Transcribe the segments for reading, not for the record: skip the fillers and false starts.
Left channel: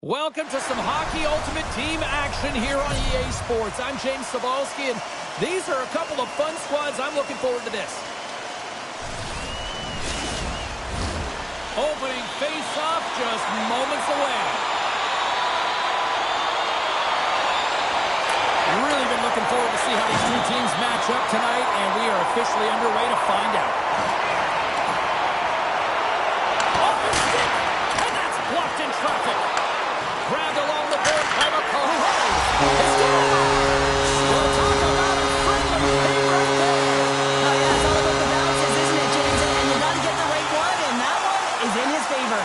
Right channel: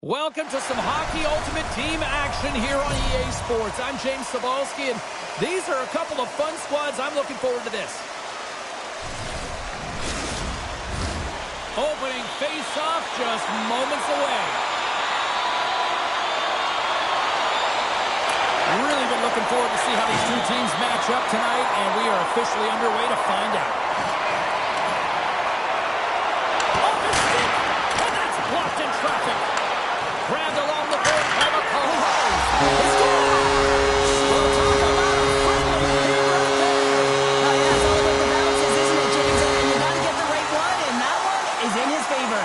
Welcome to some Hockey Ultimate Team action here on EA Sports. I'm James Cebulski, and these are a couple of fun squads. I'm looking forward to this. Opening face-off just moments away. Really been looking forward to see how these two teams match up tonight, and we are officially underway to find out. Off his stick, and that's blocked in traffic. Grabbed along the board by McCall. We'll talk about a friendly game right there. Oh, yeah, it's all about the bounces, isn't it, James? And you got to get the right one, and that one is in his favor.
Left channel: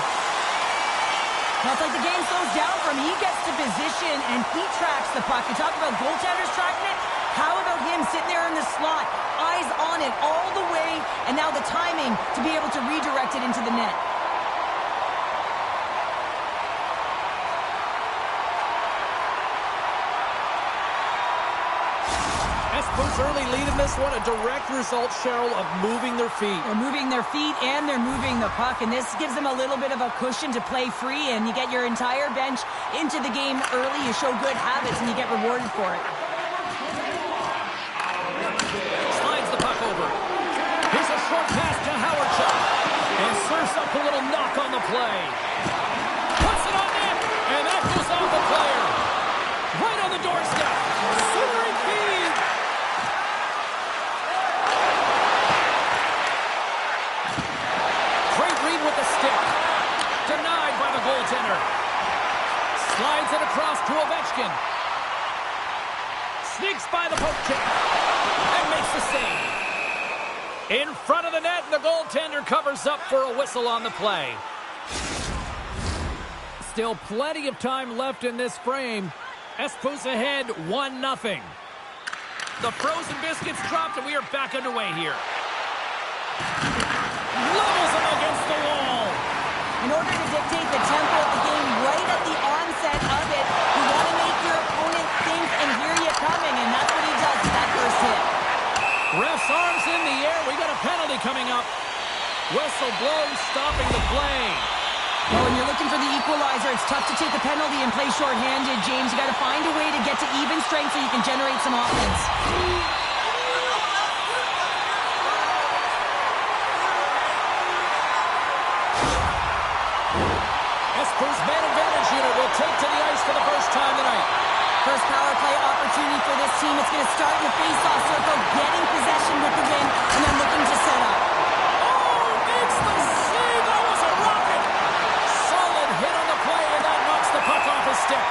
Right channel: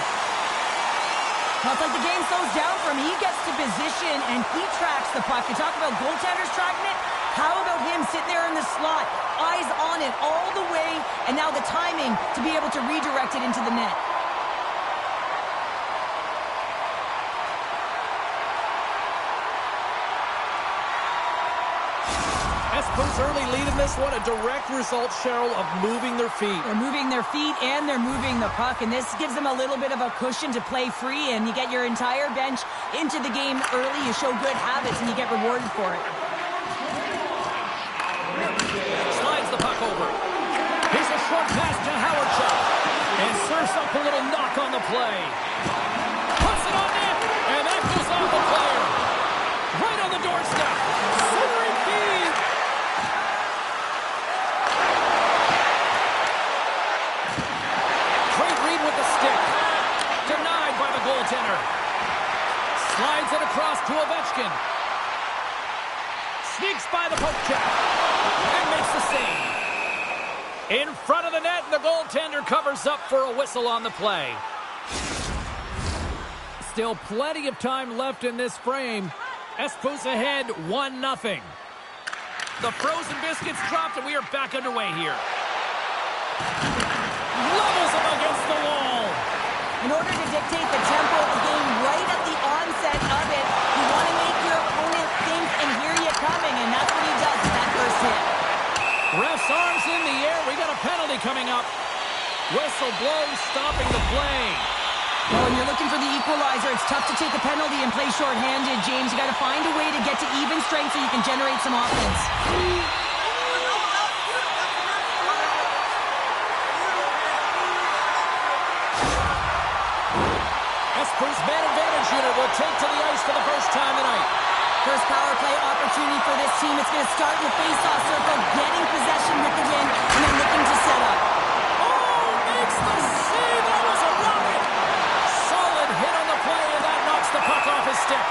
Well, it's like the game slows down for him. He gets to position, and he tracks the puck. You talk about goaltenders tracking it. How about him sitting there in the slot, eyes on it all the way, and now the timing to be able to redirect it into the net. Espoo's early lead in this one, a direct result, Cheryl, of moving their feet. They're moving their feet and they're moving the puck, and this gives them a little bit of a cushion to play free, and you get your entire bench into the game early. You show good habits, and you get rewarded for it. Slides the puck over. Here's a short pass to Howardchuk, and serves up a little knock on the play. Puts it on net, and that goes off the player. Right on the doorstep. Centering feed. Great read with the stick. Denied by the goaltender. Slides it across to Ovechkin. Sneaks by the poke check. And makes the save. In front of the net, and the goaltender covers up for a whistle on the play. Still plenty of time left in this frame. Espoo's ahead 1-0. The frozen biscuits dropped, and we are back underway here. Levels him against the wall. In order to dictate the tempo of the game right at the onset of it, you want to make your opponent think and hear you coming, and that's what he does with that first hit. Ref's arms in the air. We got a penalty coming up. Whistle blown, stopping the play. Well, when you're looking for the equalizer, it's tough to take a penalty and play shorthanded, James. You got to find a way to get to even strength so you can generate some offense. Espoo's man advantage unit will take to the ice for the first time tonight. First power play opportunity for this team. It's going to start in the face-off circle, getting possession with the win, and then looking to set up. Oh, makes the save. That was a rocket. Solid hit on the play, and that knocks the puck off his stick.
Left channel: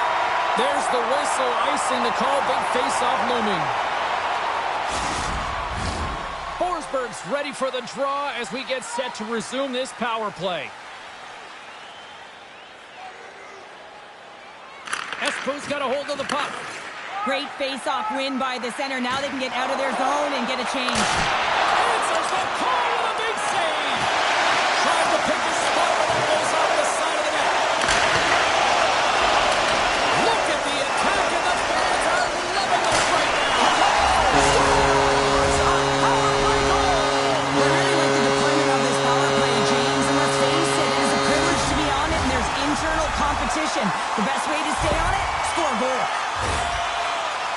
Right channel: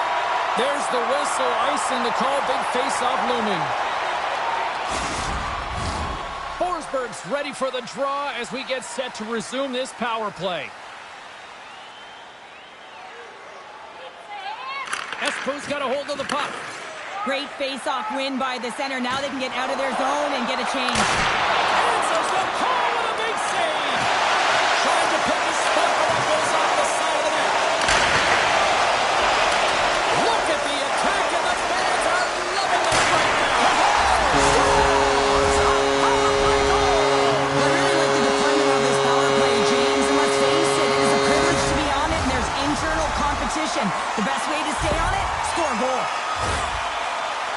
There's the whistle, icing the call. Big face-off looming. Forsberg's ready for the draw as we get set to resume this power play. Espoo's got a hold of the puck. Great face-off win by the center. Now they can get out of their zone and get a change. Answers the call with a big save. Trying to pick his spot, but that goes off the side of the net. Look at the attack, and the fans are loving this right now. Scores a power play goal. I really like the deployment of this power play, James, and let's face it, it is a privilege to be on it, and there's internal competition. The best way to stay on it, score a goal.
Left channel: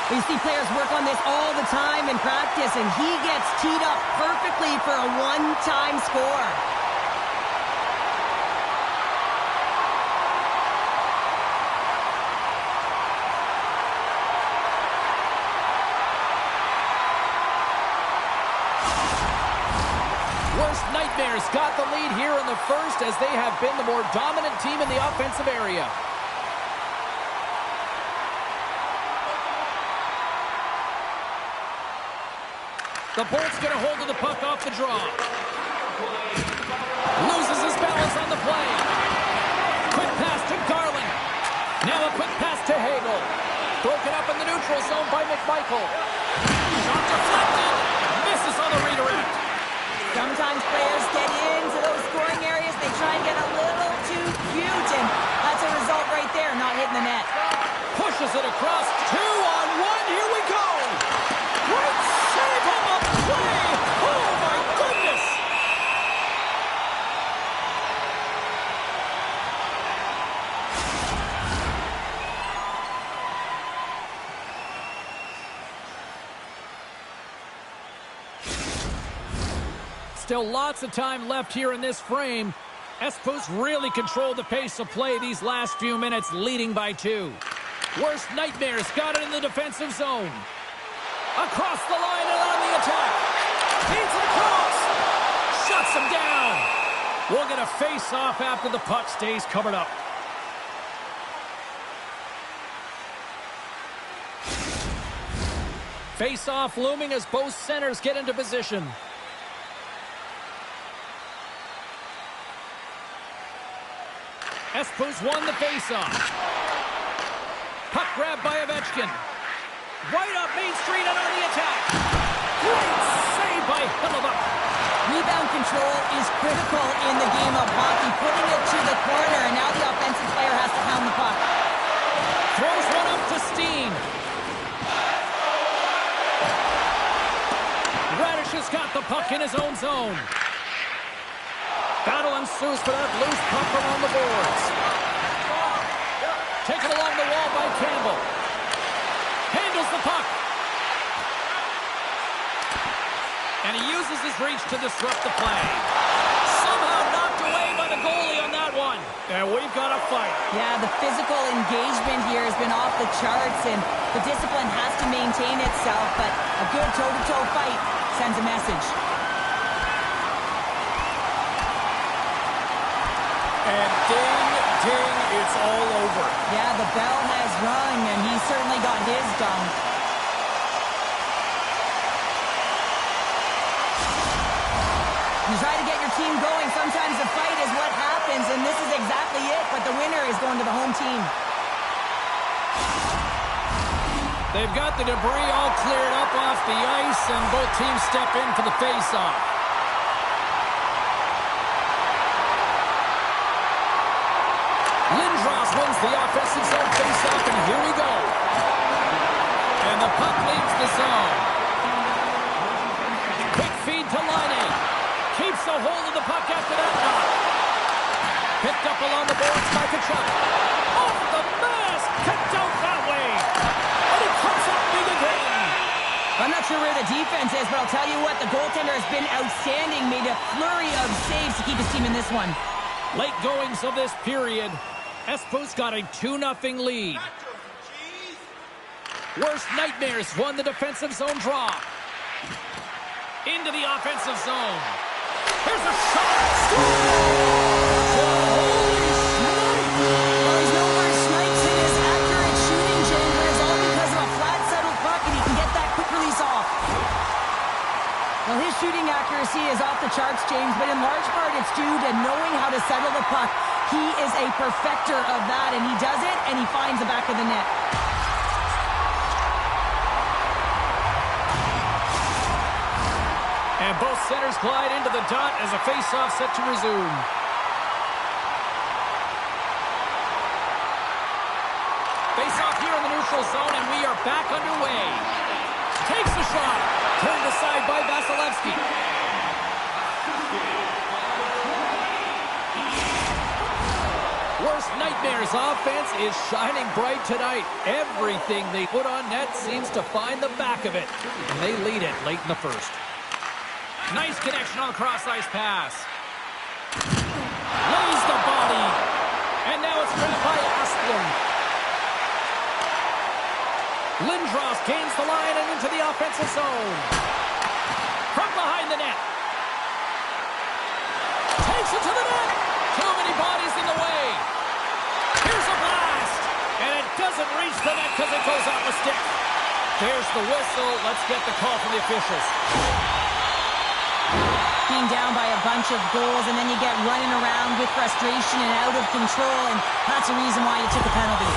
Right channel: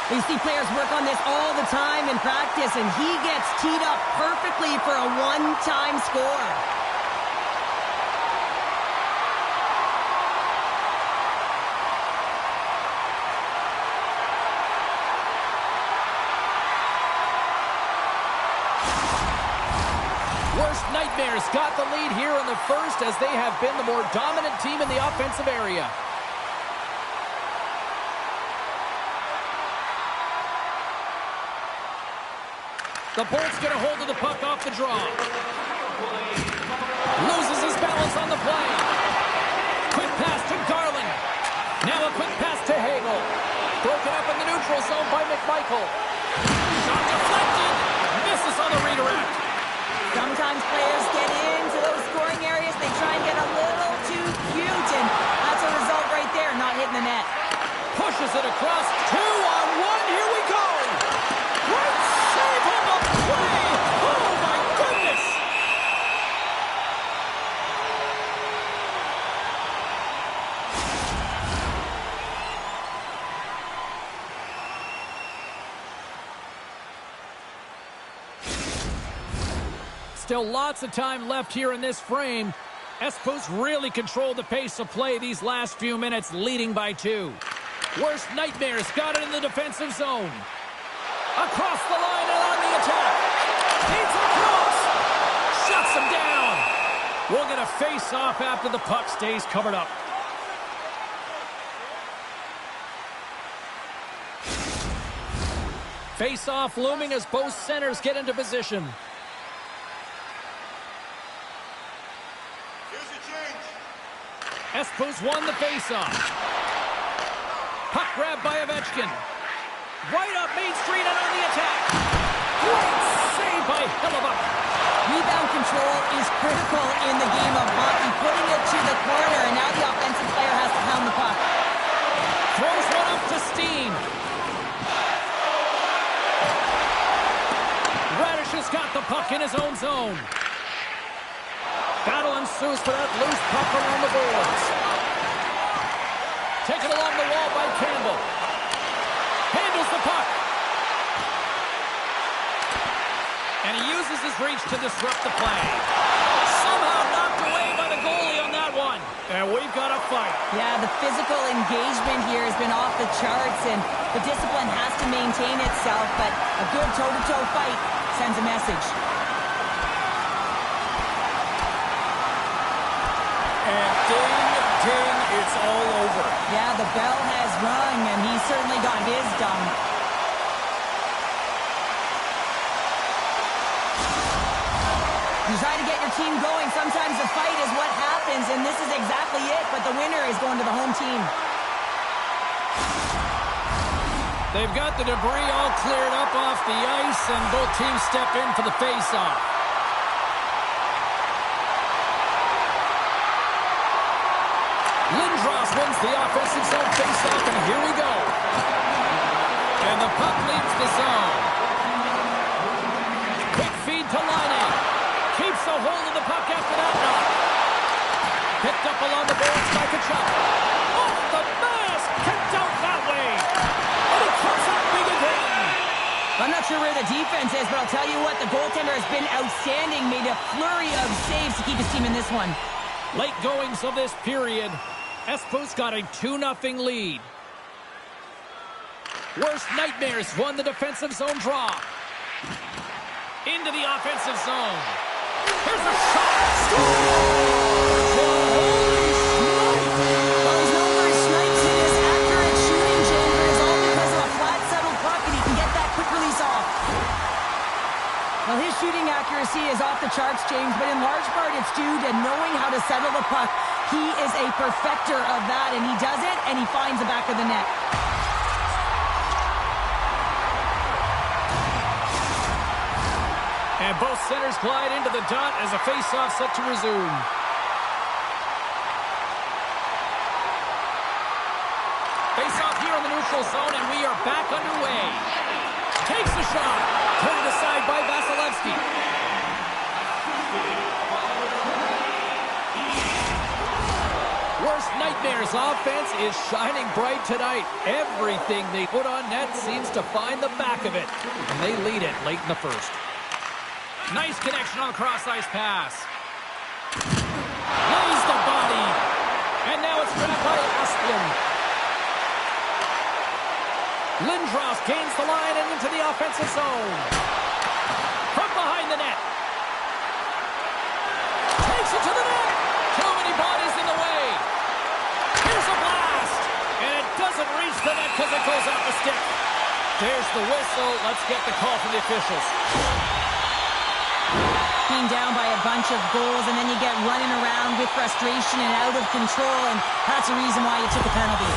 We see players work on this all the time in practice, and he gets teed up perfectly for a one-time score. Worst Nightmares got the lead here in the first as they have been the more dominant team in the offensive area. The Bolt's get a hold of the puck off the draw. Loses his balance on the play. Quick pass to Garland. Now a quick pass to Hagel. Broken up in the neutral zone by McMichael. Shot deflected. Misses on the redirect. Sometimes players get into those scoring areas. They try and get a little too cute, and that's a result right there, not hitting the net. Pushes it across. 2-on-1. Here we go. Great save on the play. Oh, my goodness. Still lots of time left here in this frame. Espoo's really controlled the pace of play these last few minutes, leading by 2. Worst nightmares got it in the defensive zone. Across the line and on the attack. Feeds it across. Shuts him down. We'll get a face-off after the puck stays covered up. Face-off looming as both centers get into position. Espoo's won the face-off. Puck grab by Ovechkin. Right up Main Street and on the attack. Great save by Hellebuyck. Rebound control is critical in the game of hockey. Putting it to the corner, and now the offensive player has to pound the puck. Throws one up to Steen. Radish has got the puck in his own zone. Battle ensues for that loose puck along the boards. Taken along the wall by Campbell. Handles the puck. And he uses his reach to disrupt the play. Somehow knocked away by the goalie on that one. And we've got a fight. Yeah, the physical engagement here has been off the charts, and the discipline has to maintain itself, but a good toe-to-toe fight sends a message. And ding, ding, it's all over. Yeah, the bell has rung, and he certainly got his done. You try to get your team going. Sometimes the fight is what happens, and this is exactly it, but the winner is going to the home team. They've got the debris all cleared up off the ice, and both teams step in for the face-off. Lindros wins the offensive zone face-off, and here we go. And the puck leaves the zone. Quick feed to Laine. Keeps a hold of the puck after that knock. Picked up along the boards by Kachuk. Off the mask, kicked out that way. And he comes up big again. I'm not sure where the defense is, but I'll tell you what, the goaltender has been outstanding. Made a flurry of saves to keep his team in this one. Late goings of this period. Espoo's got a 2-0 lead. Worst nightmares won the defensive zone draw. Into the offensive zone. Here's a shot. Holy snipe! Well, he's known for his snipes and his accurate shooting, James, but it's all because of a flat settled puck, and he can get that quick release off. Well, his shooting accuracy is off the charts, James, but in large part it's due to knowing how to settle the puck. He is a perfecter of that, and he does it, and he finds the back of the net. And both centers glide into the dot as a face-off set to resume. Face-off here in the neutral zone, and we are back underway. Takes the shot. Turned aside by Vasilevsky. Worst nightmares offense is shining bright tonight. Everything they put on net seems to find the back of it. And they lead it late in the first. Nice connection on the cross-ice pass. Lays the body. And now it's grabbed by Asplund. Lindros gains the line and into the offensive zone. From behind the net. Takes it to the net. Too many bodies in the way. Here's a blast. And it doesn't reach the net because it goes off a stick. There's the whistle. Let's get the call from the officials. Being down by a bunch of goals, and then you get running around with frustration and out of control, and that's the reason why you took a penalty.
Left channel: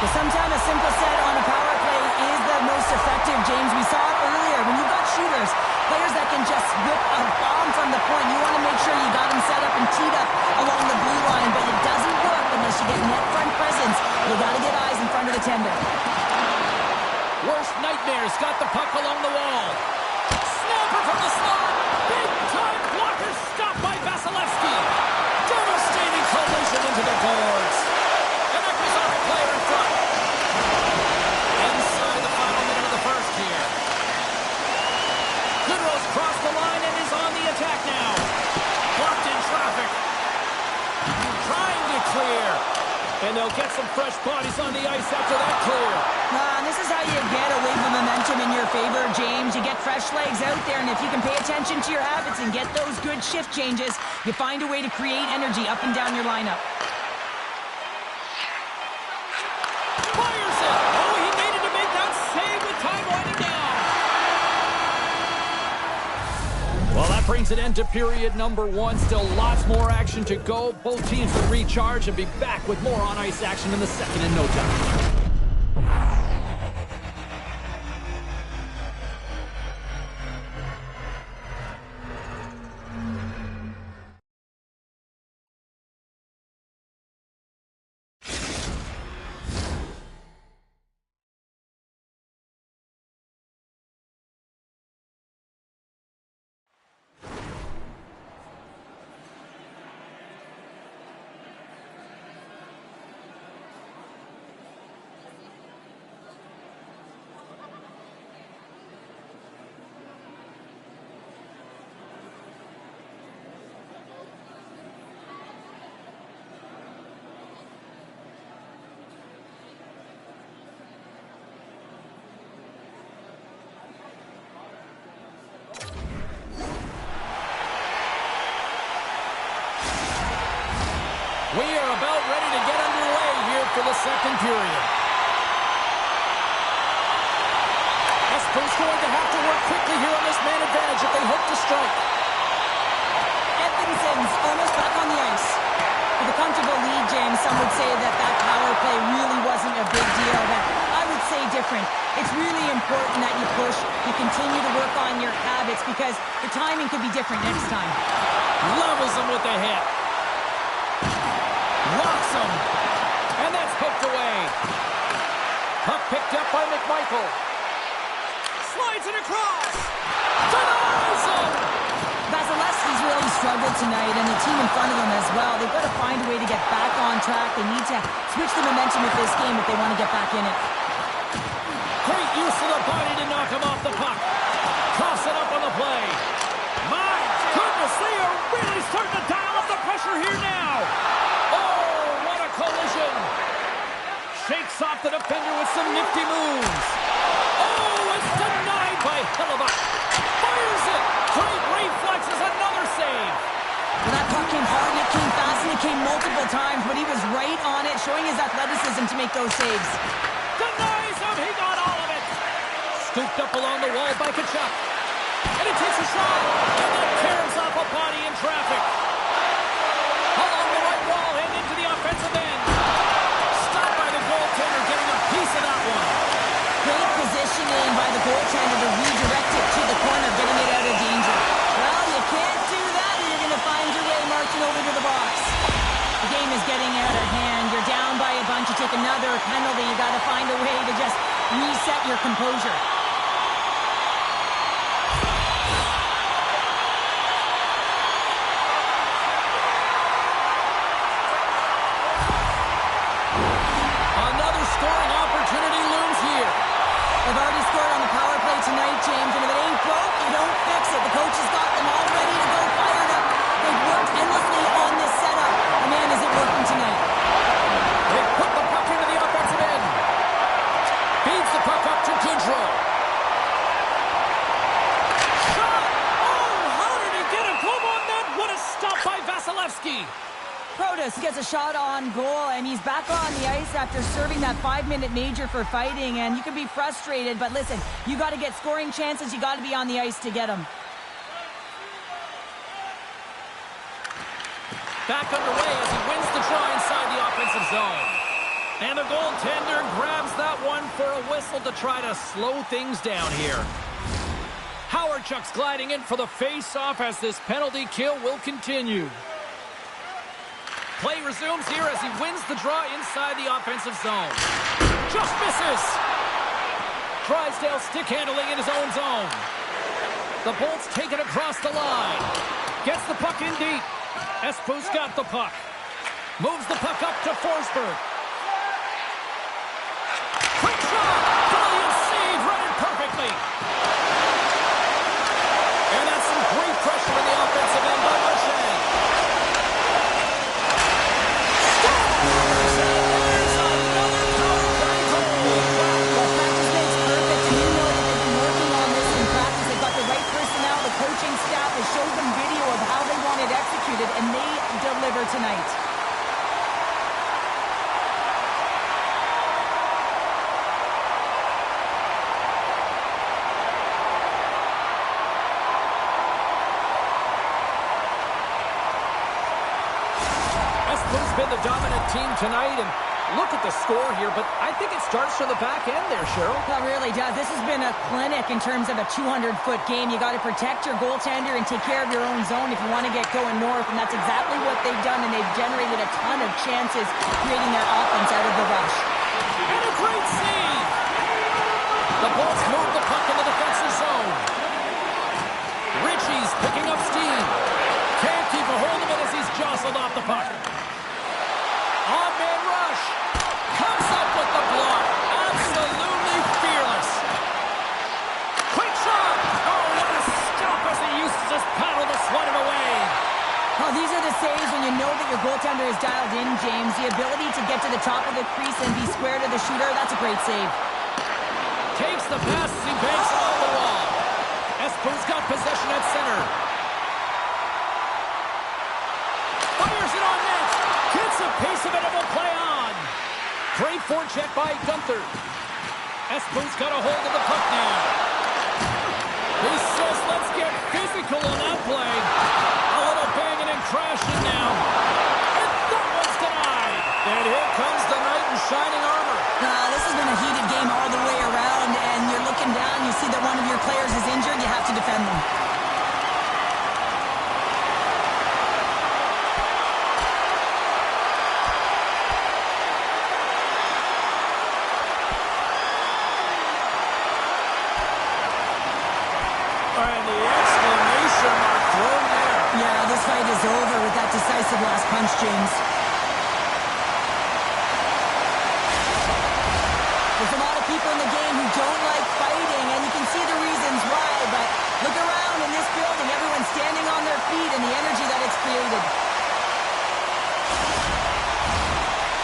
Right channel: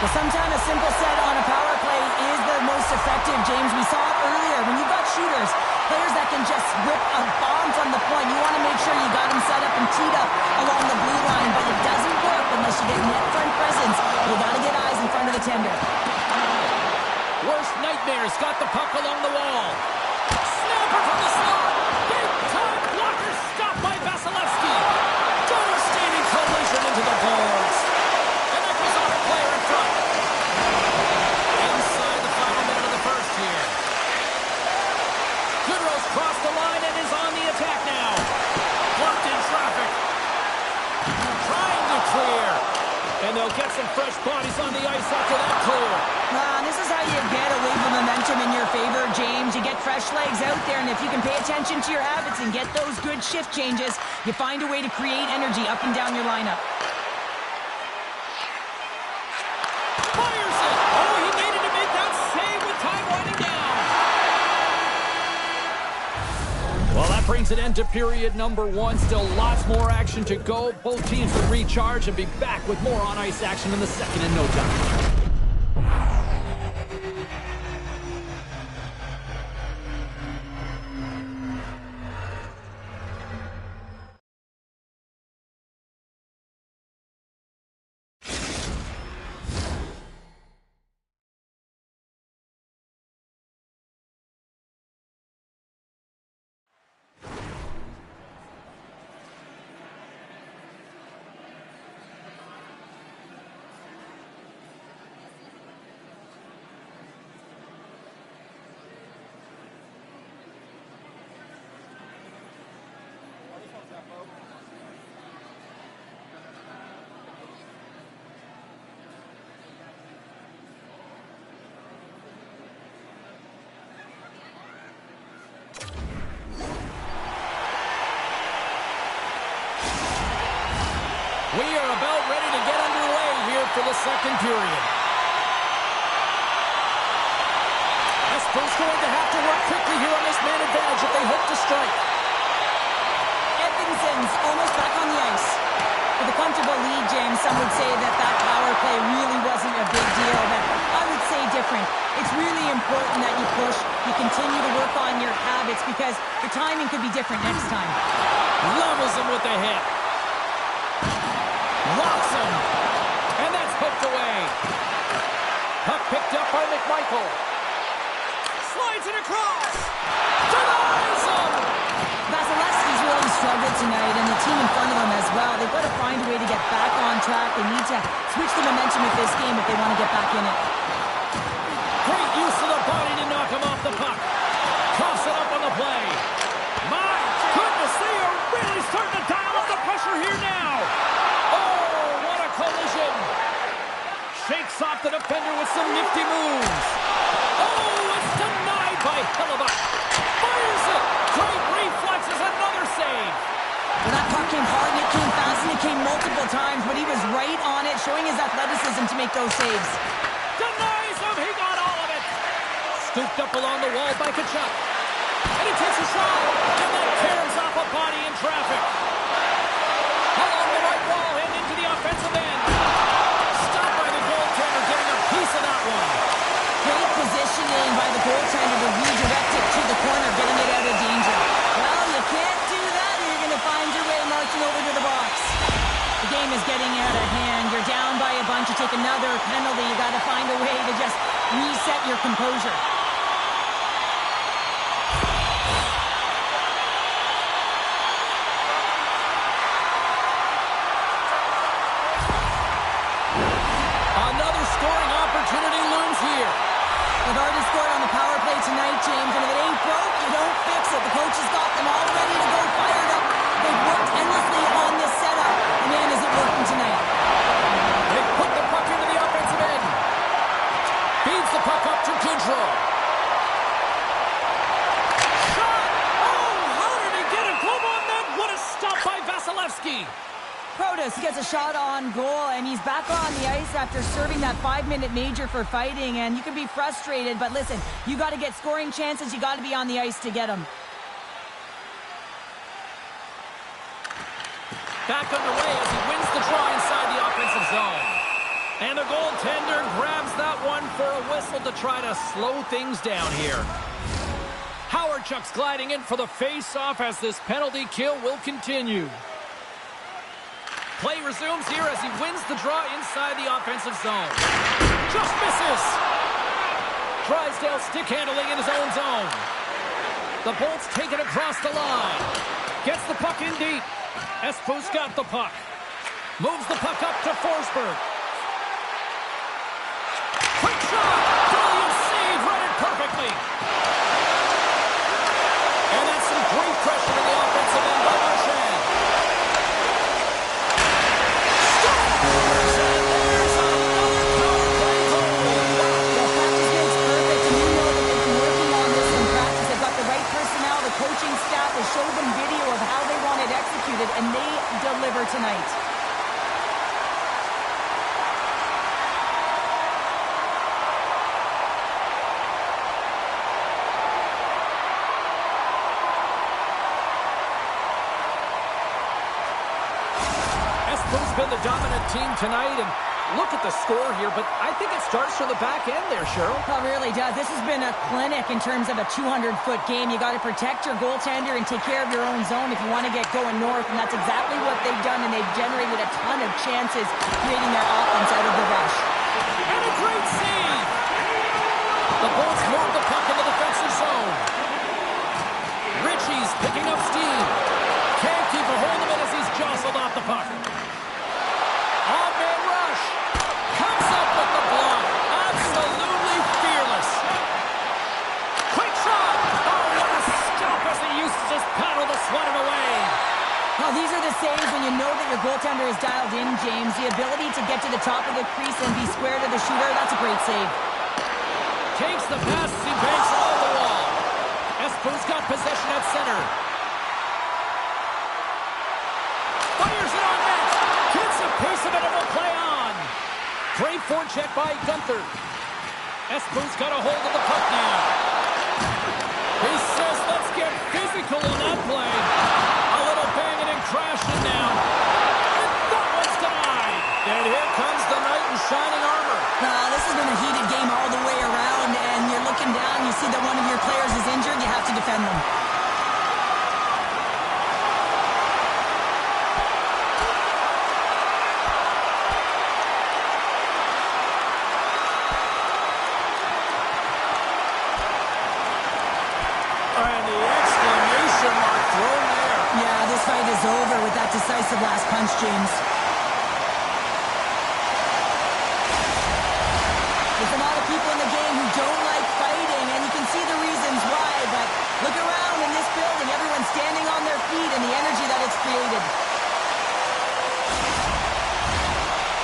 But sometimes a simple set on a power play is the most effective, James. We saw it earlier. When you've got shooters, players that can just whip a bomb from the point, you want to make sure you got them set up and teed up along the blue line, but it doesn't work unless you get net front presence. You got to get eyes in front of the tender. Worst nightmares got the puck along the wall. Snapper from the slot. Big time blocker stopped by Vasilevsky. Devastating collision into the boards. And that goes off a player in front. Goodrow's crossed the line and is on the attack now. Blocked in traffic. Trying to clear. And they'll get some fresh bodies on the ice after that clear. This is how you get a wave of momentum in your favor, James. You get fresh legs out there, and if you can pay attention to your habits and get those good shift changes, you find a way to create energy up and down your lineup. Fires it! Oh, he made it to make that save with time winding down. Well, that brings an end to period number 1. Still lots more action to go. Both teams will recharge and be back with more on-ice action in the second in no time. We are about ready to get underway here for the second period. Espoo's going to have to work quickly here on this man advantage if they hope to strike. Edvinson's almost back on the ice. With a comfortable lead, James, some would say that power play really wasn't a big deal, but I would say different. It's really important that you push, you continue to work on your habits because the timing could be different next time. Levels him with the hit. Locks him. And that's poked away. Puck picked up by McMichael. Slides it across. Denies him. Vasilevsky's really struggled tonight, and the team in front of him as well. They've got to find a way to get back on track. They need to switch the momentum of this game if they want to get back in it. Great use of the body to knock him off the puck. Toss it up on the play. My goodness, they are really starting to dial up the pressure here now. Oh, what a collision. Shakes off the defender with some nifty moves. Oh, it's denied by Hellebuyck. Fires it. Great reflexes, another save. Well, that puck came hard, and it came fast, and it came multiple times, but he was right on it, showing his athleticism to make those saves. Denies him. He got all of it. Scooped up along the wall by Tkachuk. And he takes a shot. And that tears off a body in traffic. Along the right wall and into the offensive end. Stopped by the goaltender, getting a piece of that one. Great positioning by the goaltender to redirect it to the corner, getting it out of danger. Well, you can't do that, and you're going to find your way marching over to the box. The game is getting out of hand. You're down by a bunch. You take another penalty. You got to find a way to just reset your composure. Another scoring opportunity looms here. They've already scored on the power play tonight, James, and if it ain't broke, you don't fix it. The coach has got them all ready to go, fired up. They've worked endlessly on this setup, and man, is it working tonight. They put the puck into the offensive end. Feeds the puck up to Goodrow. Shot! Oh, how did he get a glove on that? What a stop by Vasilevsky. Protas gets a shot on goal, and he's back on the ice after serving that 5-minute major for fighting, and you can be frustrated, but listen, you got to get scoring chances, you got to be on the ice to get them. Back underway as he wins the draw inside the offensive zone. And the goaltender grabs that one for a whistle to try to slow things down here. Howardchuk's gliding in for the face-off as this penalty kill will continue. Play resumes here as he wins the draw inside the offensive zone. Just misses. Drysdale stick handling in his own zone. The Bolts take it across the line. Gets the puck in deep. Espoo's got the puck. Moves the puck up to Forsberg. Quick shot. Brilliant save. Read it perfectly. showed them video of how they want it executed, and they deliver tonight. Espoo's been the dominant team tonight, and look at the score here, but I think it starts from the back end there, Cheryl. Well, it really does. This has been a clinic in terms of a 200-foot game. You got to protect your goaltender and take care of your own zone if you want to get going north, and that's exactly what they've done, and they've generated a ton of chances creating their offense out of the rush. And a great save! The Bolts move the puck in the defensive zone. Ritchie's picking up steam. Can't keep a hold of it as he's jostled off the puck. On-man rush. Comes up with the block. Absolutely fearless. Quick shot. Oh, what a stop as he used to just paddle the sweat it away. Well, these are the saves when you know that your goaltender is dialed in, James. The ability to get to the top of the crease and be square to the shooter, that's a great save. Takes the pass as he banks it off the wall. Espoo's got possession at center. Fires it on net. Gets a piece of it and will play on. Great forecheck by Gunther. Espoo's got a hold of the puck now. He says, let's get physical on that play. A little banging and crashing now. And that one's denied. And here comes the knight in shining armor. This has been a heated game all the way around, and you're looking down, you see that one of your players is injured, you have to defend them. And the exclamation mark thrown there. Yeah, this fight is over with that decisive last punch, James. There's a lot of people in the game who don't like fighting, and you can see the reasons why, but look around in this building. Everyone's standing on their feet and the energy that it's created.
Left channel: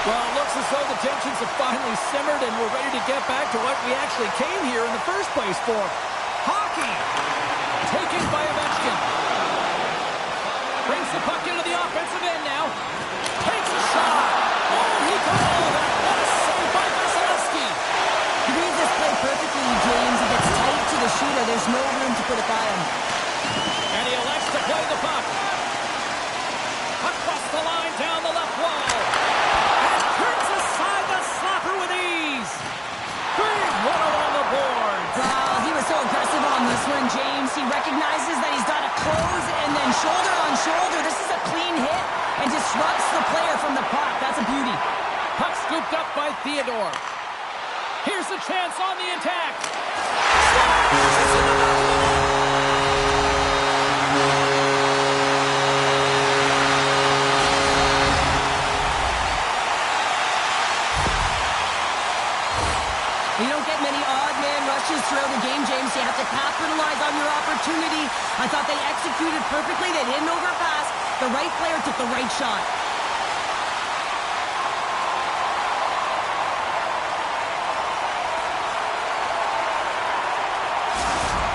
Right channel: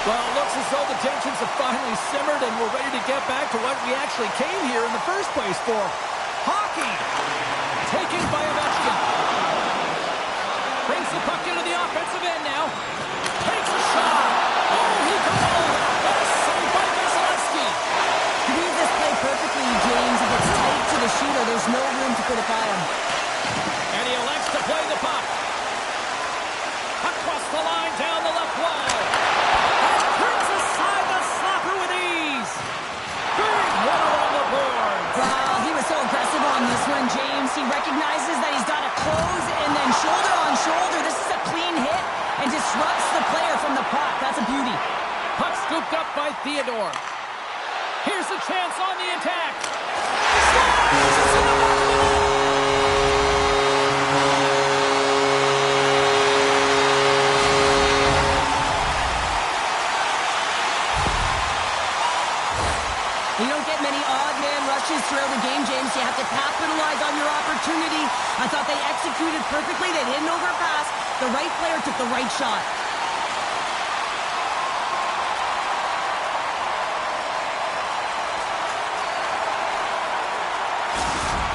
Well, it looks as though the tensions have finally simmered, and we're ready to get back to what we actually came here in the first place for. Hockey! Taken by Ovechkin. Brings the puck into the offensive end now. Takes a shot. Oh, he got all of that. What a save by Vasilevsky. You read this play perfectly, James. He gets tight to the shooter. There's no room to put it by him. And he elects to play the puck. Across the line, down the left wall. And turns aside the slapper with ease. Big one on the board. Wow, he was so aggressive on this one, James. He recognizes that he's got to close and then shoulder on shoulder. This is a clean hit and disrupts the player from the puck. That's a beauty. Puck scooped up by Theodore. Here's a chance on the attack. Slides! It's in the back of the net. You don't get many odd man rushes throughout the game, James. You have to capitalize on your opportunity. I thought they executed perfectly. They didn't overpass. The right player took the right shot.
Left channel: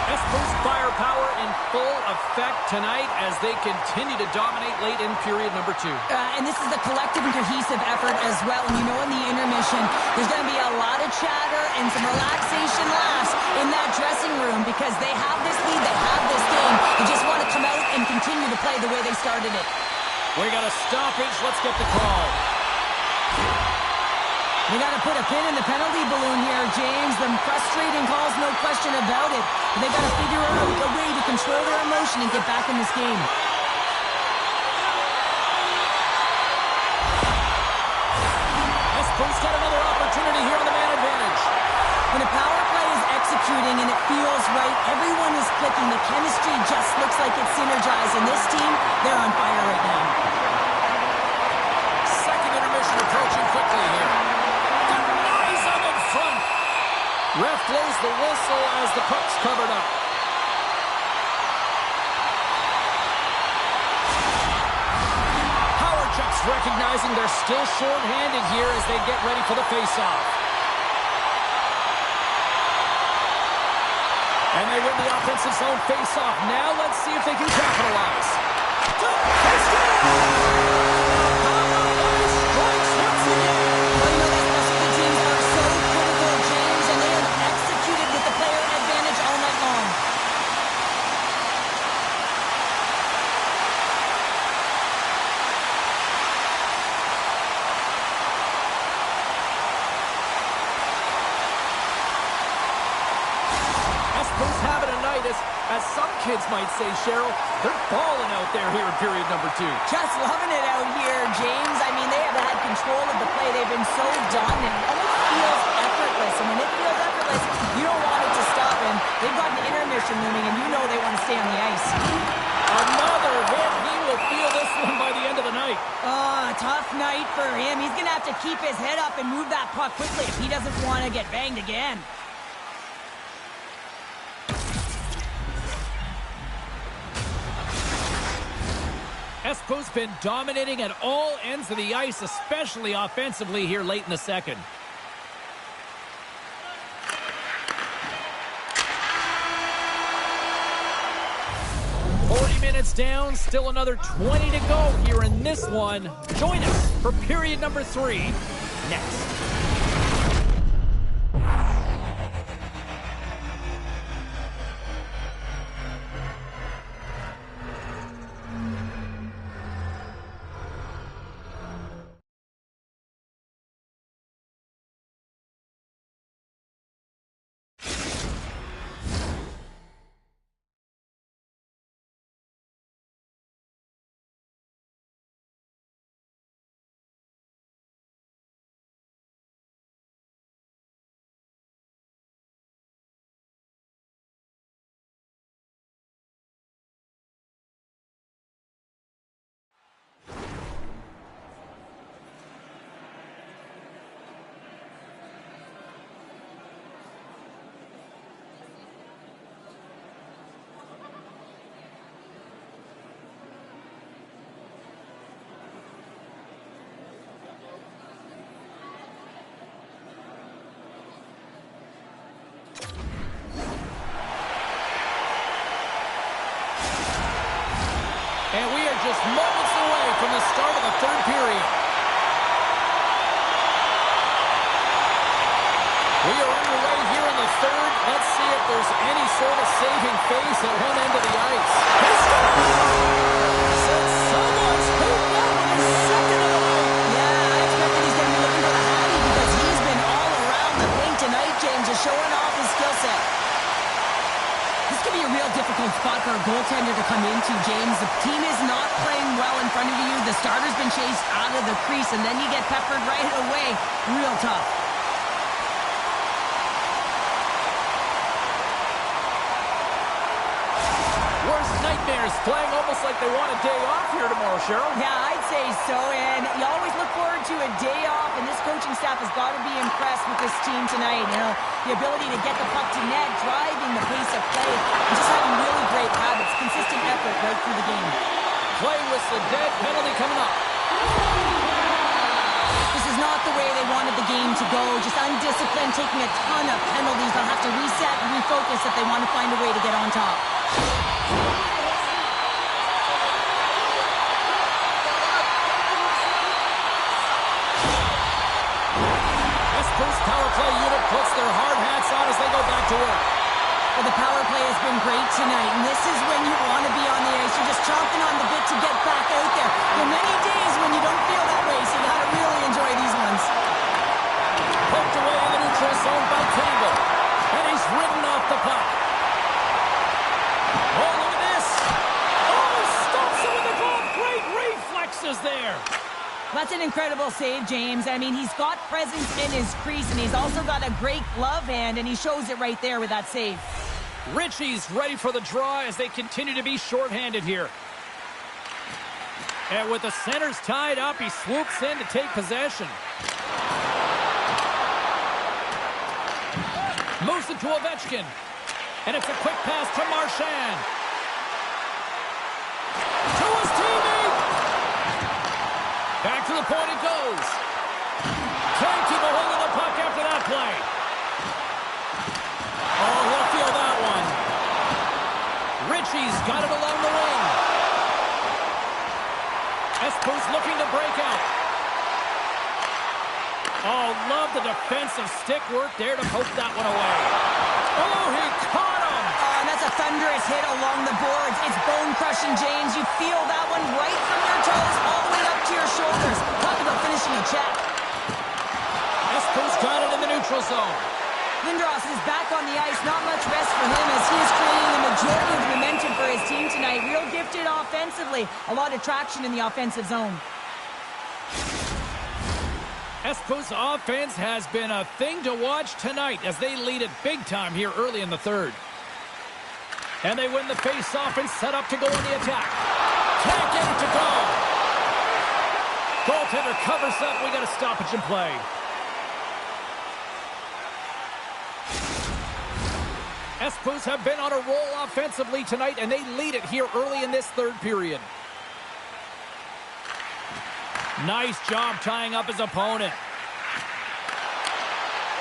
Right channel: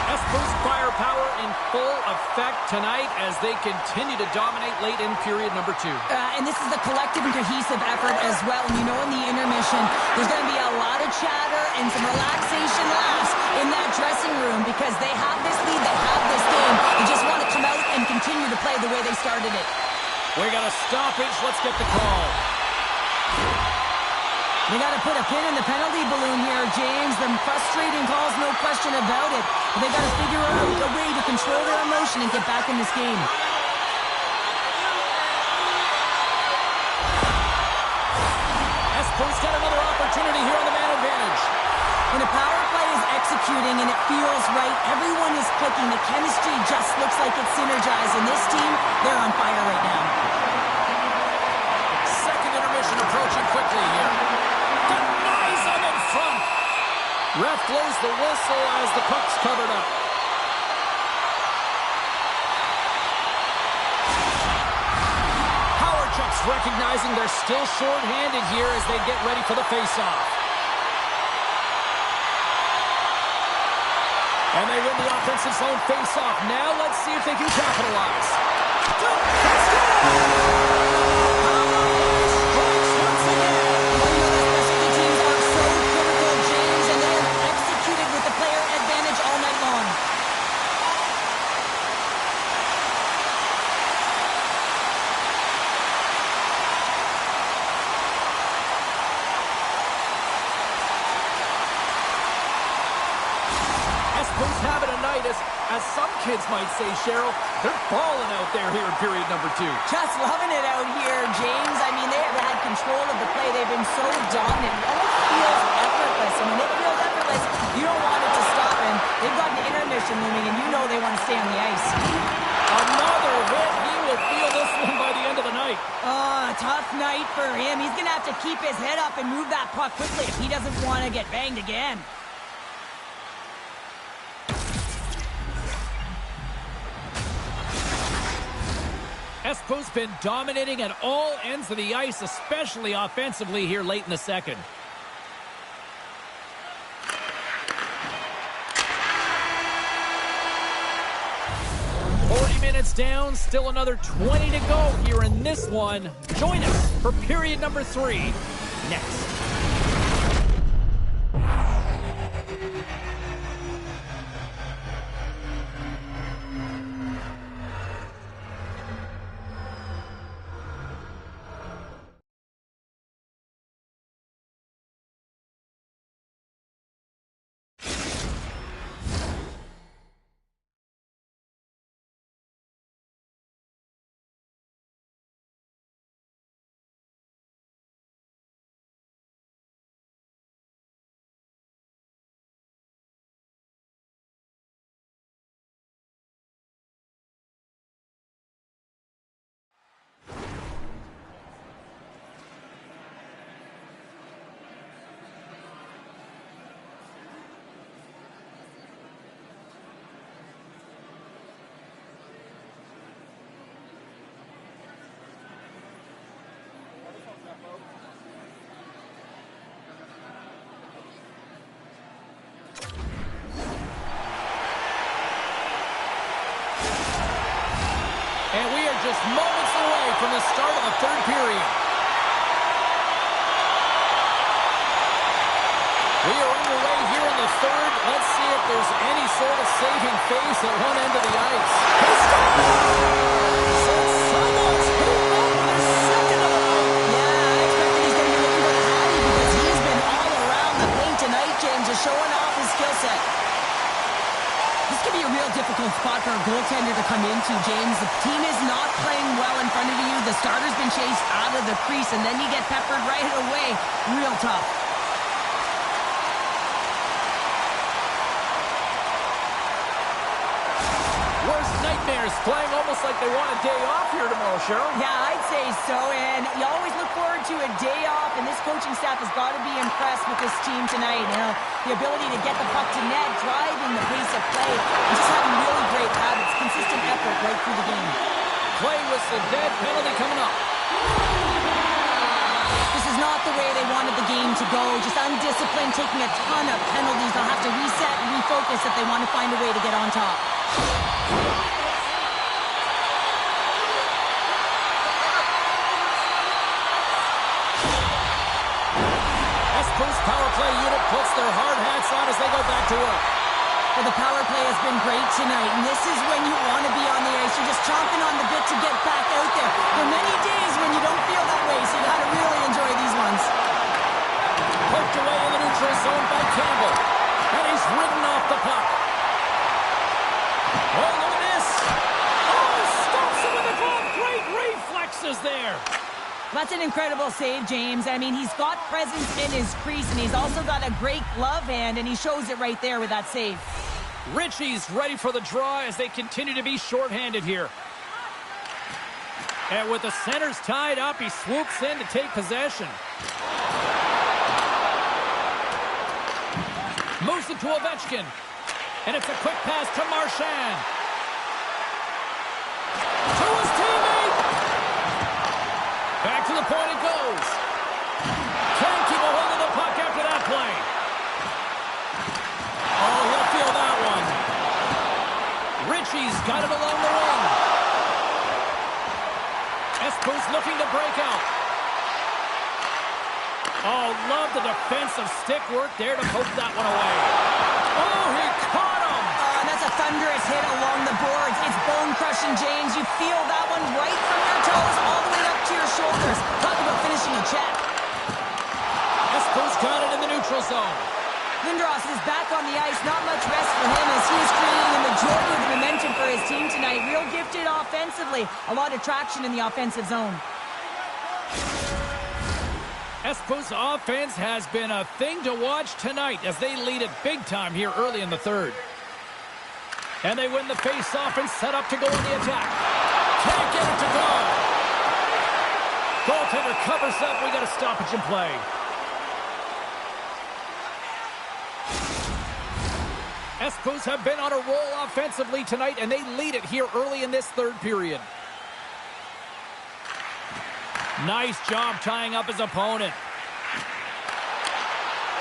Espoo's firepower in full effect tonight as they continue to dominate late in period number 2. And this is a collective and cohesive effort as well. And you know in the intermission, there's going to be a lot of chatter and some relaxation laughs in that dressing room because they have this lead, they have this game. They just want to come out and continue to play the way they started it. We got a stoppage. Let's get the call. They got to put a pin in the penalty balloon here, James. The frustrating calls, no question about it. But they got to figure out a way to control their emotion and get back in this game. Espoo's got another opportunity here on the man advantage. When a power play is executing and it feels right, everyone is clicking. The chemistry just looks like it's synergized. And this team, they're on fire right now. Second intermission approaching quickly here. Denies him in front. Ref blows the whistle as the puck's covered up. Howardchuk's recognizing they're still short-handed here as they get ready for the face-off. And they win the offensive zone face-off. Now let's see if they can capitalize. They score! Power play strikes once again. Well, you know that specialty teams are so critical, James, and they have executed with the player advantage all night long. Espoo's having a night, as some kids might say, Cheryl. They're balling out there here in period number 2. Just loving it out here, James. I mean, they have had control of the play. They've been so dominant. It almost feels effortless. And when it feels effortless, you don't want it to stop. And they've got an intermission looming, and you know they want to stay on the ice. Another hit. He will feel this one by the end of the night. Tough night for him. He's going to have to keep his head up and move that puck quickly if he doesn't want to get banged again. Espoo's been dominating at all ends of the ice, especially offensively here late in the second. Minutes down, still another 20 to go here in this one. Join us for period number 3 next. And we are just moments away from the start of the third period. We are underway here in the third. Let's see if there's any sort of saving face at one end of the ice. He scores! And someone's heating up with his second of the night. Yeah, I expected he's going to be looking for the hattie because he's been all around the paint tonight, James, just showing off his skill set. This could be a real difficult spot for a goaltender to come into, James. The team is not playing well in front of you. The starter's been chased out of the crease, and then you get peppered right away. Real tough. Worst nightmares, playing almost like they want a day off here tomorrow, Cheryl. Yeah, I'd say so, and you always look forward to a day off, and this coaching staff has got to be impressed with this team tonight. You know, the ability to get the puck to net, driving the pace of play, and just having really great habits, consistent effort right through the game. Play whistle dead, penalty coming up. This is not the way they wanted the game to go, just undisciplined, taking a ton of penalties. They'll have to reset and refocus if they want to find a way to get on top. Espoo's power play unit puts their hard hats on as they go back to work. Well, the power play has been great tonight, and this is when you want to be on the ice. You're just chomping on the bit to get back out there. There are many days when you don't feel that way, so you got to really enjoy these ones. Poked away in the neutral zone by Campbell, and he's ridden off the puck. Oh, look at this. Oh, stops it with the glove. Great reflexes there. That's an incredible save, James. I mean, he's got presence in his crease, and he's also got a great glove hand, and he shows it right there with that save. Ritchie's ready for the draw as they continue to be shorthanded here. And with the centers tied up, he swoops in to take possession. Moves it to Ovechkin. And it's a quick pass to Marchand. To his teammate. Back to the point it goes. Can't keep a hold of the puck after that play. Oh, he'll feel that one. Ritchie's got it along the wing. Espoo's looking to break out. Oh, love the defensive stick work there to poke that one away. Oh, he caught him. And that's a thunderous hit along the boards. It's bone-crushing, James. You feel that one right from your toes all the way up to your shoulders. Talk about finishing a check. Espoo's got it in the neutral zone. Lindros is back on the ice. Not much rest for him as he is creating the majority of the momentum for his team tonight. Real gifted offensively. A lot of traction in the offensive zone. Espoo's offense has been a thing to watch tonight as they lead it big time here early in the third. And they win the face-off and set up to go on the attack. Can't get it to go. Goaltender covers up. We got a stoppage in play. Espoo's have been on a roll offensively tonight, and they lead it here early in this third period. Nice job tying up his opponent.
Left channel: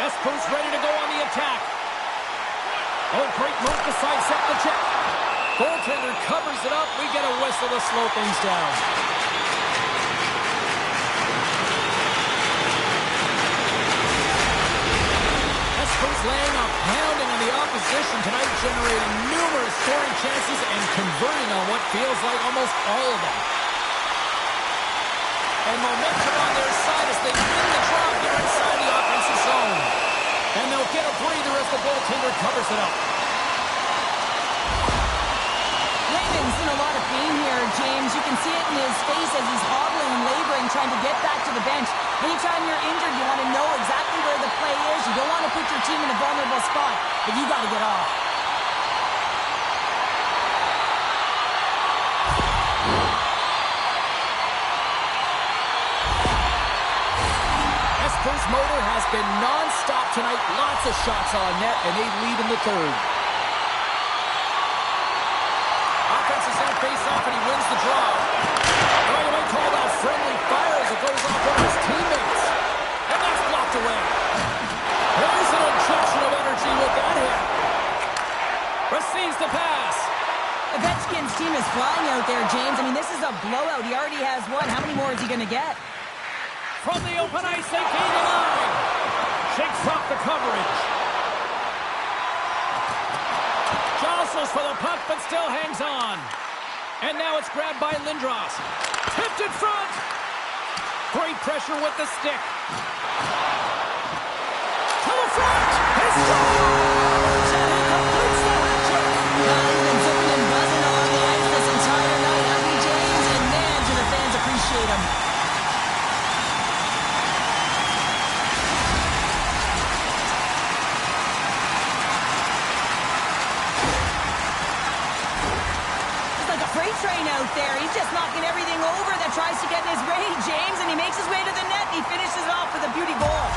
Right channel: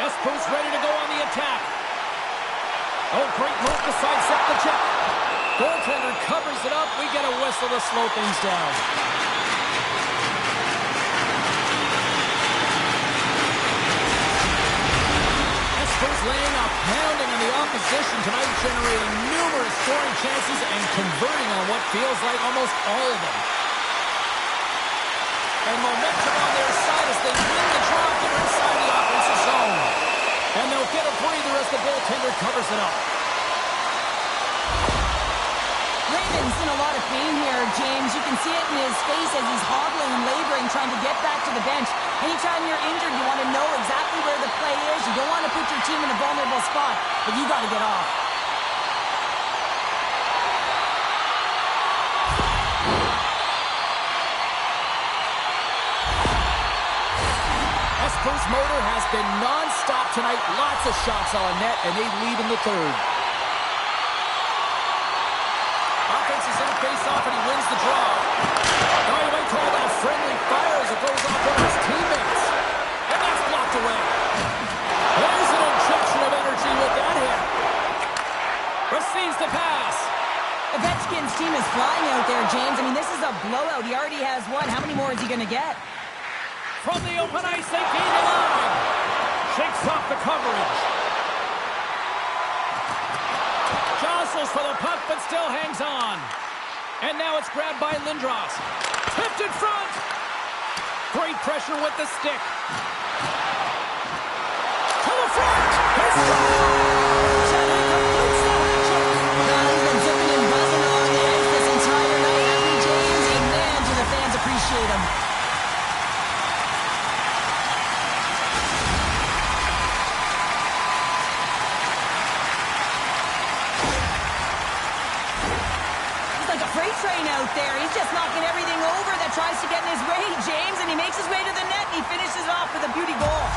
Espoo's ready to go on the attack. Oh, great move to sidestep the check. Goaltender covers it up. We get a whistle to slow things down. Espoo's laying a pounding on the opposition tonight, generating numerous scoring chances and converting on what feels like almost all of them. And momentum on their side as they win the draw here inside the offensive zone. And they'll get a breather as the goaltender covers it up. Raymond's in a lot of pain here, James. You can see it in his face as he's hobbling and laboring, trying to get back to the bench. Anytime you're injured, you want to know exactly where the play is. You don't want to put your team in a vulnerable spot, but you got to get off. Espoo's motor has been non-stop tonight. Lots of shots on net, and they lead in the third. Offense is on face-off, and he wins the draw. Oh, you might call that friendly fire as it goes off one of his teammates. And that's blocked away. There's an injection of energy with that hit. Receives the pass. Ovechkin's team is flying out there, James. I mean, this is a blowout. He already has one. How many more is he going to get? From the open ice, they gain the line. Shakes off the coverage. Jostles for the puck, but still hangs on. And now it's grabbed by Lindros. Tipped in front. Great pressure with the stick. To the front. He scores! And he completes the hat trick. He's been zipping and buzzing on the ice this entire night, hasn't he, James? And man, do the fans appreciate him. Freight train out there. He's just knocking everything over that tries to get in his way, James, and he makes his way to the net, and he finishes it off with a beauty goal.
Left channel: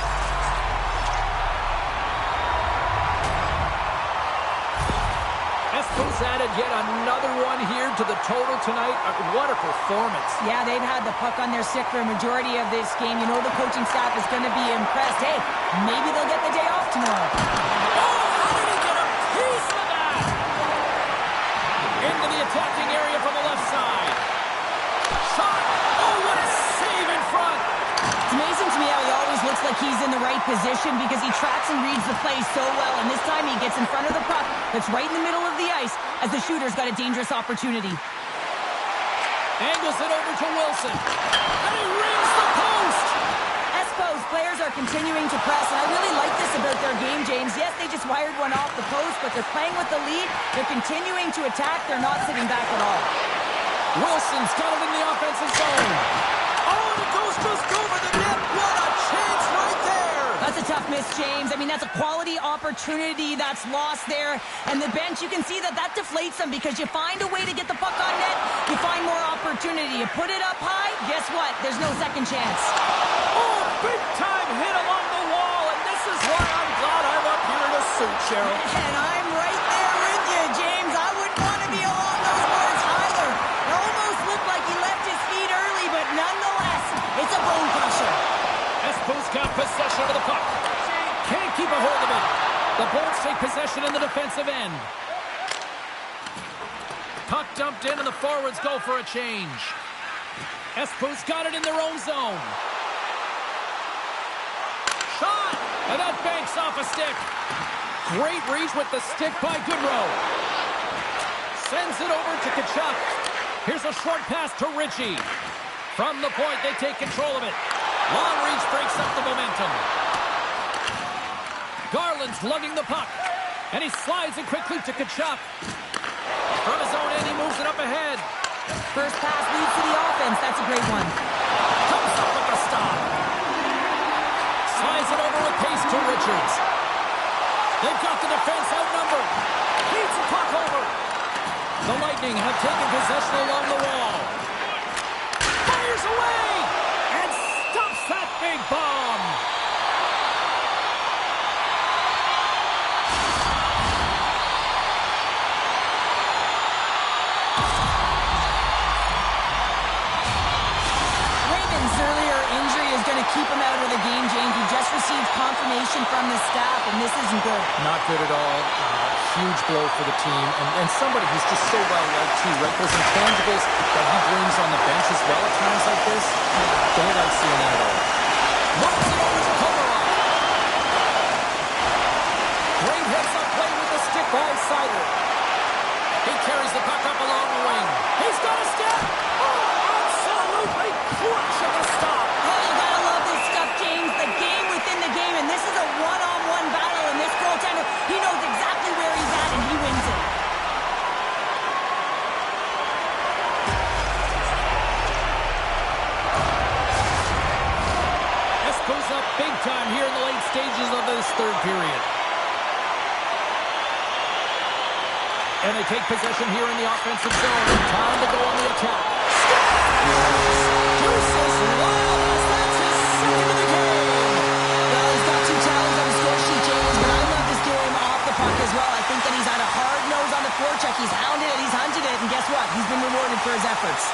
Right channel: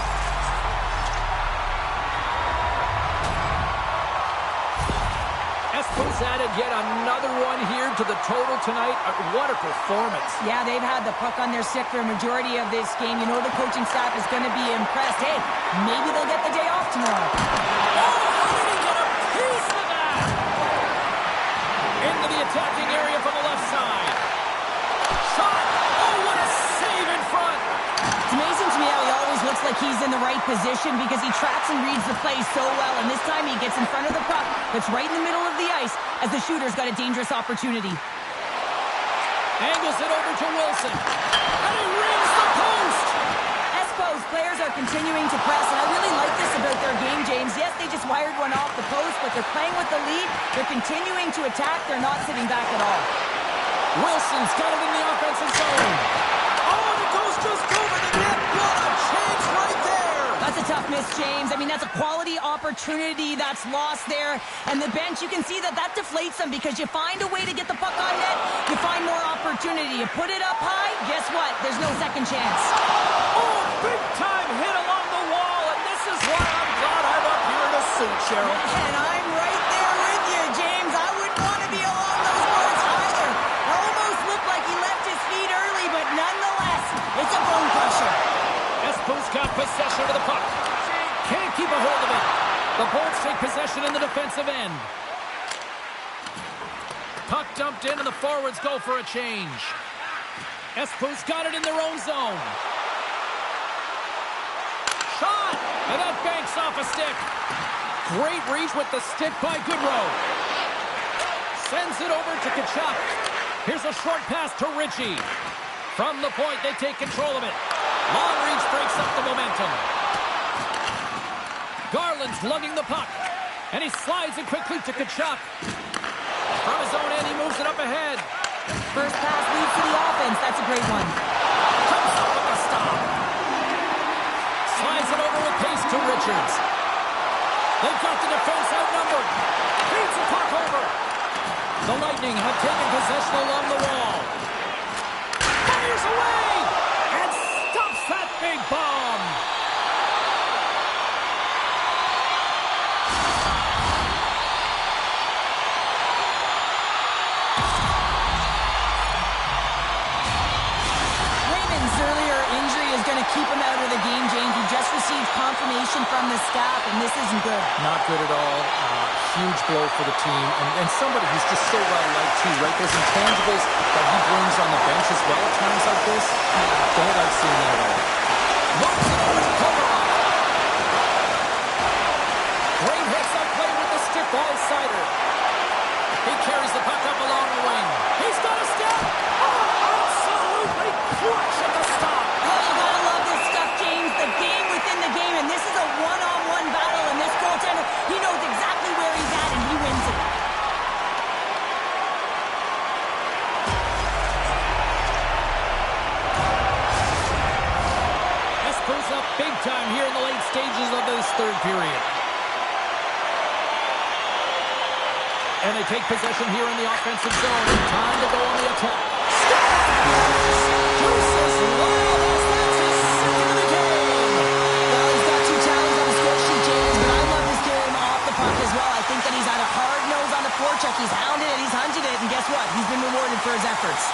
Espoo's added yet another one here to the total tonight. What a performance. Yeah, they've had the puck on their stick for a majority of this game. You know the coaching staff is going to be impressed. Hey, maybe they'll get the day off tomorrow. Oh, how did he get a piece of that? Into the attacking area from the left side. Shot. Oh, what a save in front. It's amazing to me how he always looks like he's in the right position because he tracks and reads the play so well. And this time he gets in front of the puck that's right in the middle of the ice as the shooter's got a dangerous opportunity. Angles it over to Wilson. And he rings the post. Espoo's players are continuing to press, and I really like this about their game, James. Yes, they just wired one off the post, but they're playing with the lead. They're continuing to attack. They're not sitting back at all. Wilson's got it in the offensive zone. Oh, and it goes just over the net. What a chance right there. That's a tough miss, James. I mean, that's a quality opportunity that's lost there. And the bench, you can see that deflates them because you find a way to get the puck on net, you find more opportunity. You put it up high, guess what? There's no second chance. Oh, big-time hit along the wall, and this is why I'm glad I'm up here in a suit, Cheryl. And I'm right there with you, James. I wouldn't want to be along those boards either. It almost looked like he left his feet early, but nonetheless, it's a bone crusher. Espoo's got possession of the puck. Can't keep a hold of it. The Bolts take possession in the defensive end. Puck dumped in and the forwards go for a change. Espoo's got it in their own zone. Shot! And that banks off a stick. Great reach with the stick by Goodrow. Sends it over to Tkachuk. Here's a short pass to Ritchie. From the point, they take control of it. Long reach breaks up the momentum. Garland's lugging the puck. And he slides it quickly to Tkachuk. From his own end, he moves it up ahead. First pass leads to the offense. That's a great one. Comes up with the stop. Slides it over with pace to Richards. They've got the defense outnumbered. Feeds the puck over. The Lightning have taken possession along the wall. Fires away and stops that big bomb. Earlier injury is going to keep him out of the game, James. He just received confirmation from the staff, and this isn't good. Not good at all. Huge blow for the team. And somebody who's just so well-liked, too, right? Those intangibles that he brings on the bench as well at times like this, don't like seeing that at all. Moves it over to Komarov. Great heads-up play with the stick by Sider. He carries the puck up along the wing. He's got a step. Absolutely clutch at the stop. Oh, you gotta love this stuff, James. The game within the game, and this is a one-on-one battle, and this goaltender, he knows exactly where he's at, and he wins it. Espoo's up big time here in the late stages of this third period. And they take possession here in the offensive zone. Time to go on the attack. Deuces Lawless, that's his second of the game. Well, he's got 2 tallies on the score sheet, James, but I love this game off the puck as well. I think that he's had a hard nose on the forecheck. He's hounded it, he's hunted it, and guess what? He's been rewarded for his efforts.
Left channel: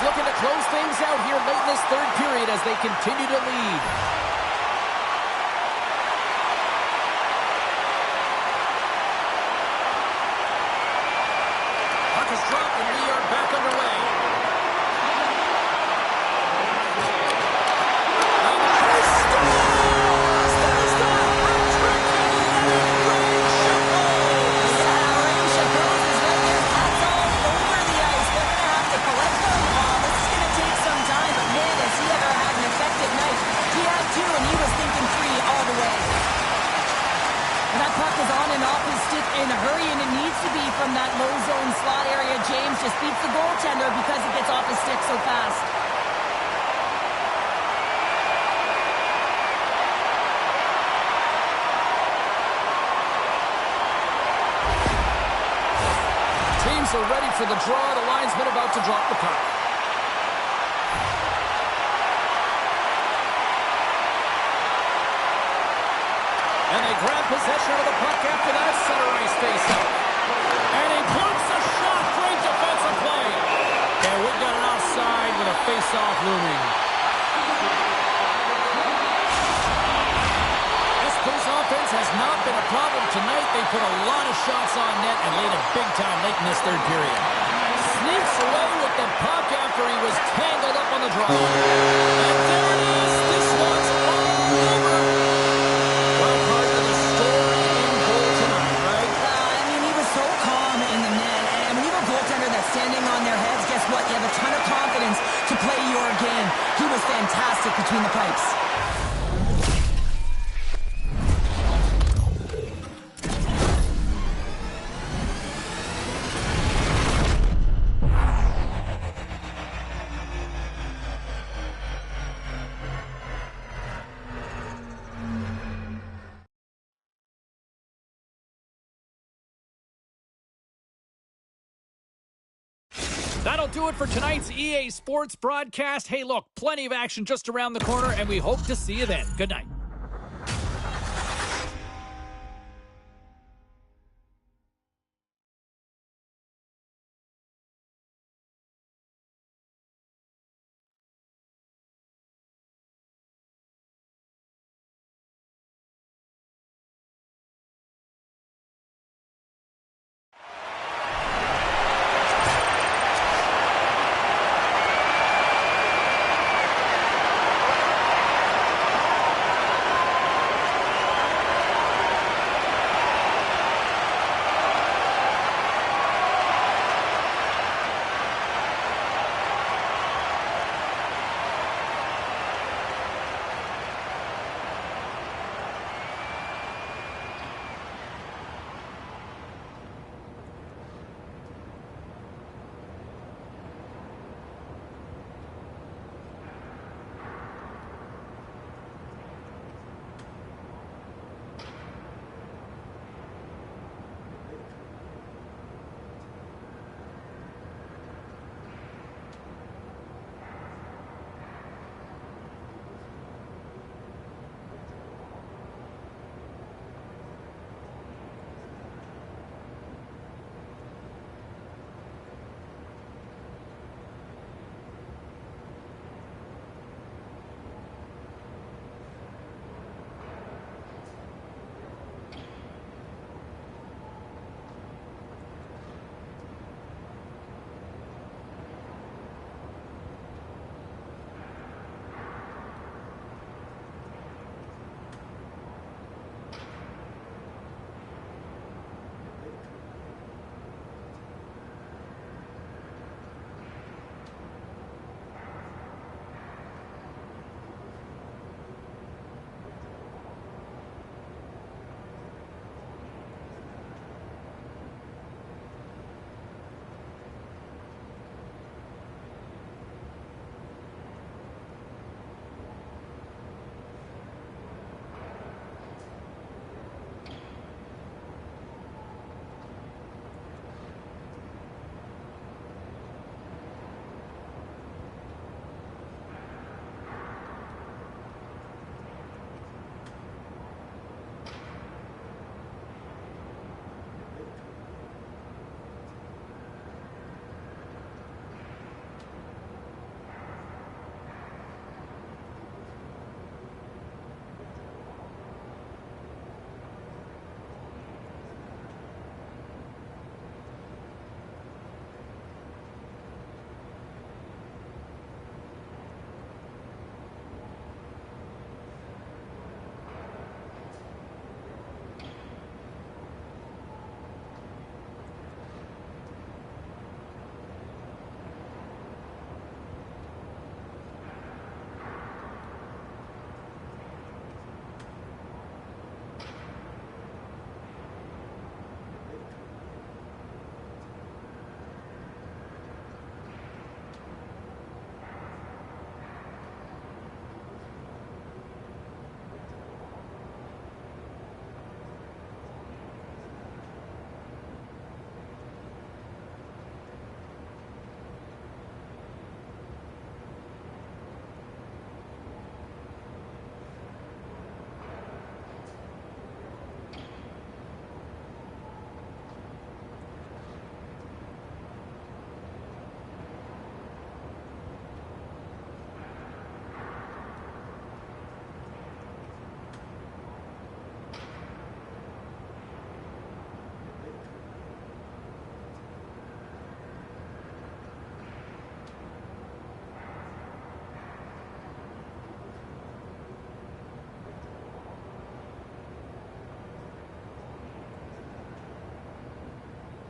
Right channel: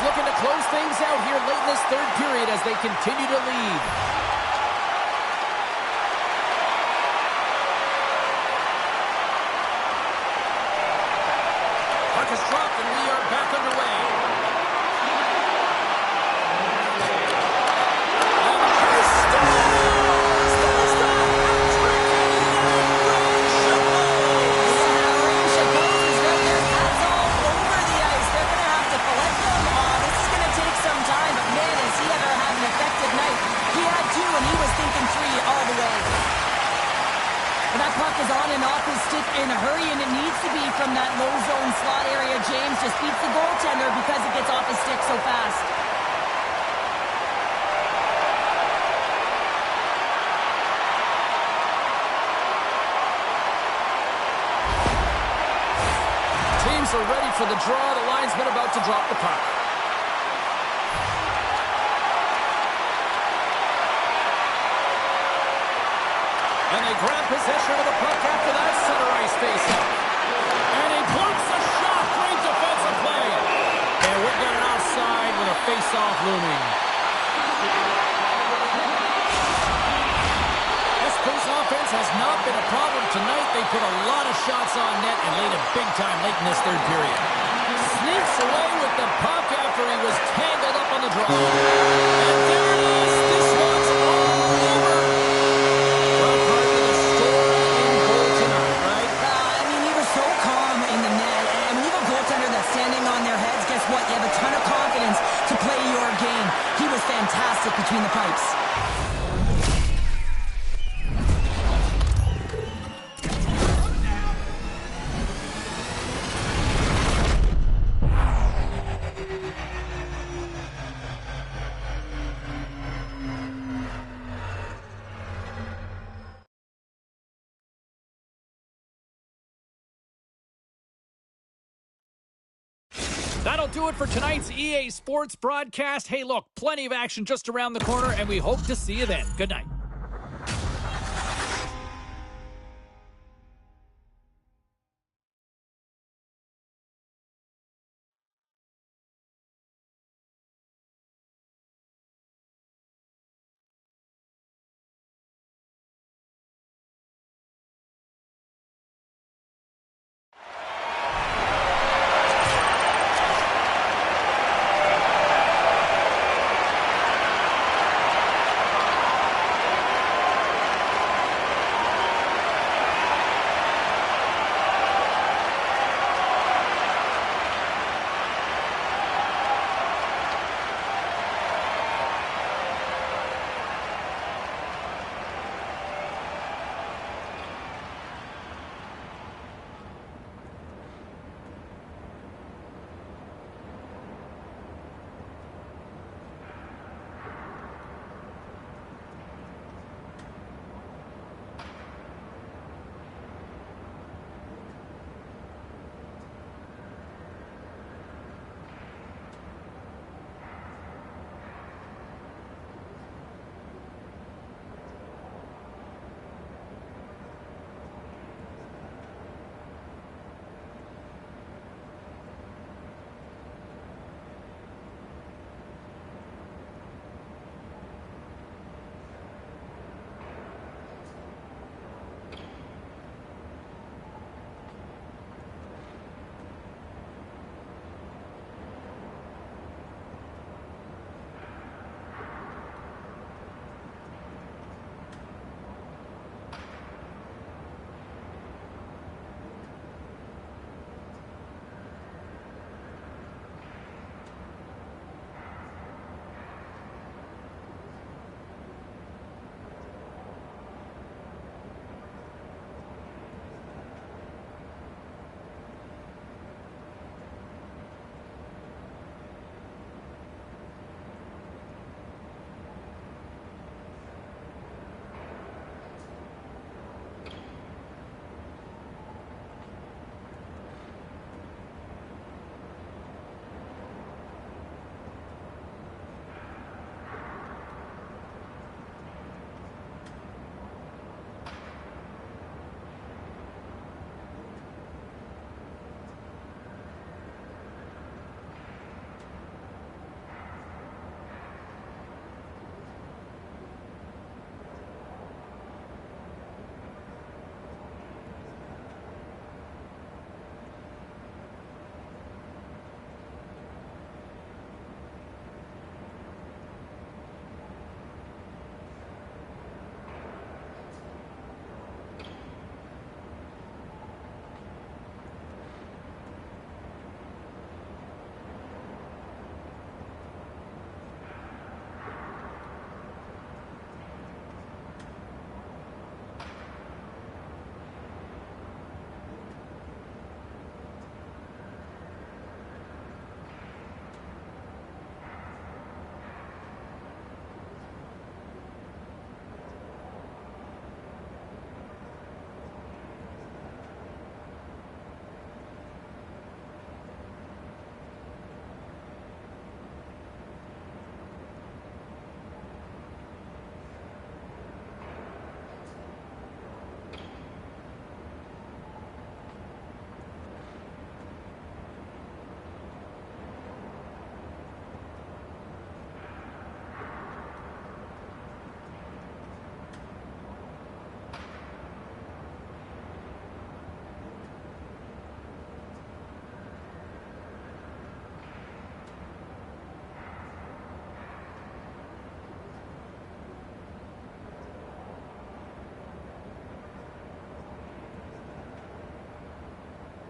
Looking to close things out here late in this third period as they continue to lead. Puck is dropped and we are back underway. And he scores! There's the hat-trick and Ray Chapeau! Yeah, Ray Chapeau is right there. Hats all over the ice. They're going to have to collect them. Take some time, but man, has he ever had an effective night. He had 2, and he was thinking 3 all the way. And that puck is on and off his stick in a hurry, and it needs to be from that low zone slot area. James just beats the goaltender because it gets off his stick so fast. Teams are ready for the draw. The linesman about to drop the puck. And they grab possession of the puck after that center ice face-off. And he blocks a shot. Great defensive play. And we've got an offside with a face-off looming. Espoo's offense has not been a problem tonight. They put a lot of shots on net and laid it big time late in this third period. Sneaks away with the puck after he was tangled up on the draw. And there it is. This one's all over. Well, part of the story in goal tonight, right? I mean, he was so calm in the net. And when you have a goaltender that's standing on their heads, guess what? You have a ton of confidence to play your game. He was fantastic between the pipes. That'll do it for tonight's EA Sports broadcast. Hey, look, plenty of action just around the corner, and we hope to see you then. Good night.